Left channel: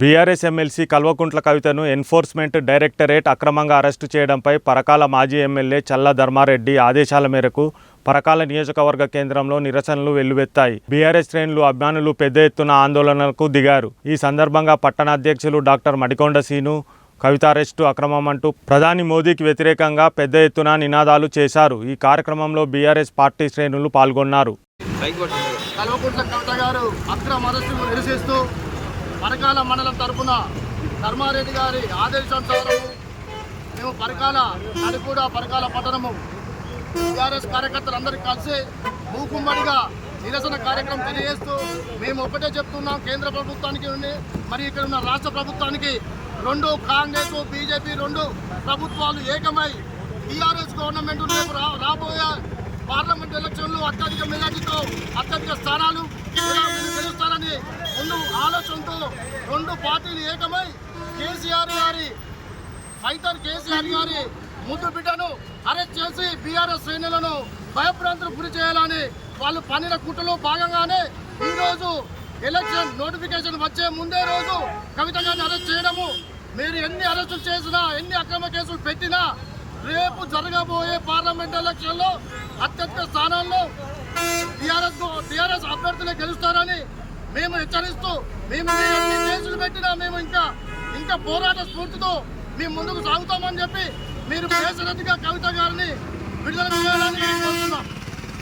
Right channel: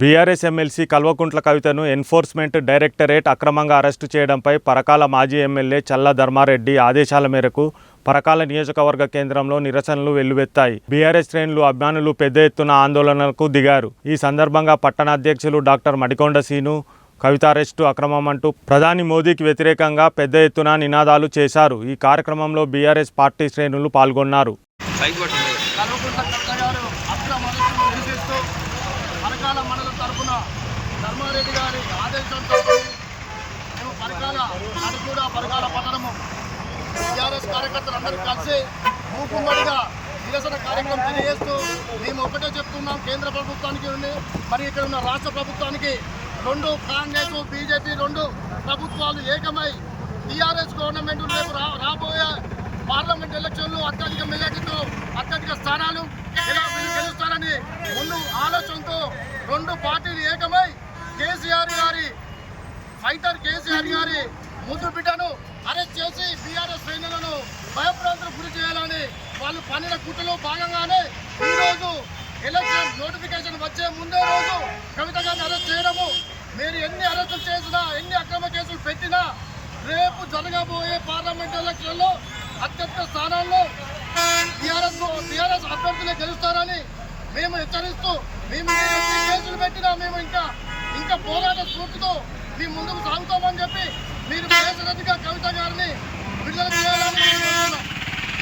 BRS MLC Kalvakuntla కవితను enforcement directorate అక్రమంగా arrest చేయడంపై పరకాల మాజీ ఎమ్మెల్యే చల్ల ధర్మారెడ్డి ఆదేశాల మేరకు పరకాల నియోజకవర్గ కేంద్రంలో నిరసనలు వెల్లువెత్తాయి. బీఆర్ఎస్ శ్రేణులు అభిమానులు పెద్ద ఎత్తున ఆందోళనలకు దిగారు. ఈ సందర్భంగా పట్టణ అధ్యక్షులు డాక్టర్ మడికొండ సీను కవిత అరెస్టు అక్రమం అంటూ ప్రధాని మోదీకి వ్యతిరేకంగా పెద్ద ఎత్తున నినాదాలు చేశారు. ఈ కార్యక్రమంలో బీఆర్ఎస్ పార్టీ శ్రేణులు పాల్గొన్నారు. పరకాల మండలం తరపున ధర్మారెడ్డి గారి ఆదేశంతో మేము పరకాల నడికూడ పరకాల పట్టణము. టీఆర్ఎస్ కార్యకర్తలందరూ కలిసి మూకుమ్మడిగా నిరసన కార్యక్రమం తెలియజేస్తూ మేము ఒకటే చెప్తున్నాం కేంద్ర ప్రభుత్వానికి మరి ఇక్కడ ఉన్న రాష్ట్ర ప్రభుత్వానికి రెండు కాంగ్రెస్ బీజేపీ రెండు ప్రభుత్వాలు ఏకమై టీఆర్ఎస్ గవర్నమెంట్ రేపు రా రాబోయే పార్లమెంట్ ఎలక్షన్లు అత్యధిక మెజార్టీతో అత్యధిక స్థానాలు ఇలా ముందు ఆలోచనతో రెండు పార్టీలు ఏకమై కేసీఆర్ గారి ఫైటర్ కేసీఆర్ గారి ముద్దు బిడ్డను అరెస్ట్ చేసి బీఆర్ఎస్ శ్రేణులను భయప్రాంతులు గురి చేయాలని వాళ్ళు పనిన కుట్రలో భాగంగానే ఈరోజు ఎలక్షన్ నోటిఫికేషన్ వచ్చే ముందే రోజు కవిత గారిని అరెస్ట్ చేయడము. మీరు ఎన్ని అరెస్టులు చేసినా ఎన్ని అక్రమ కేసులు పెట్టినా రేపు జరగబోయే పార్లమెంట్ ఎలక్షన్లో అత్యధిక స్థానాల్లో టీఆర్ఎస్ టీఆర్ఎస్ అభ్యర్థులే గెలుస్తారని మేము హెచ్చరిస్తూ మేము కేసులు పెట్టినా మేము ఇంకా ఇంకా పోరాట స్ఫూర్తితో మేము ముందుకు సాగుతామని చెప్పి మీరు బేసరతిగా కవిత గారిని విడుదల చేయాలని కోరుతున్నాం.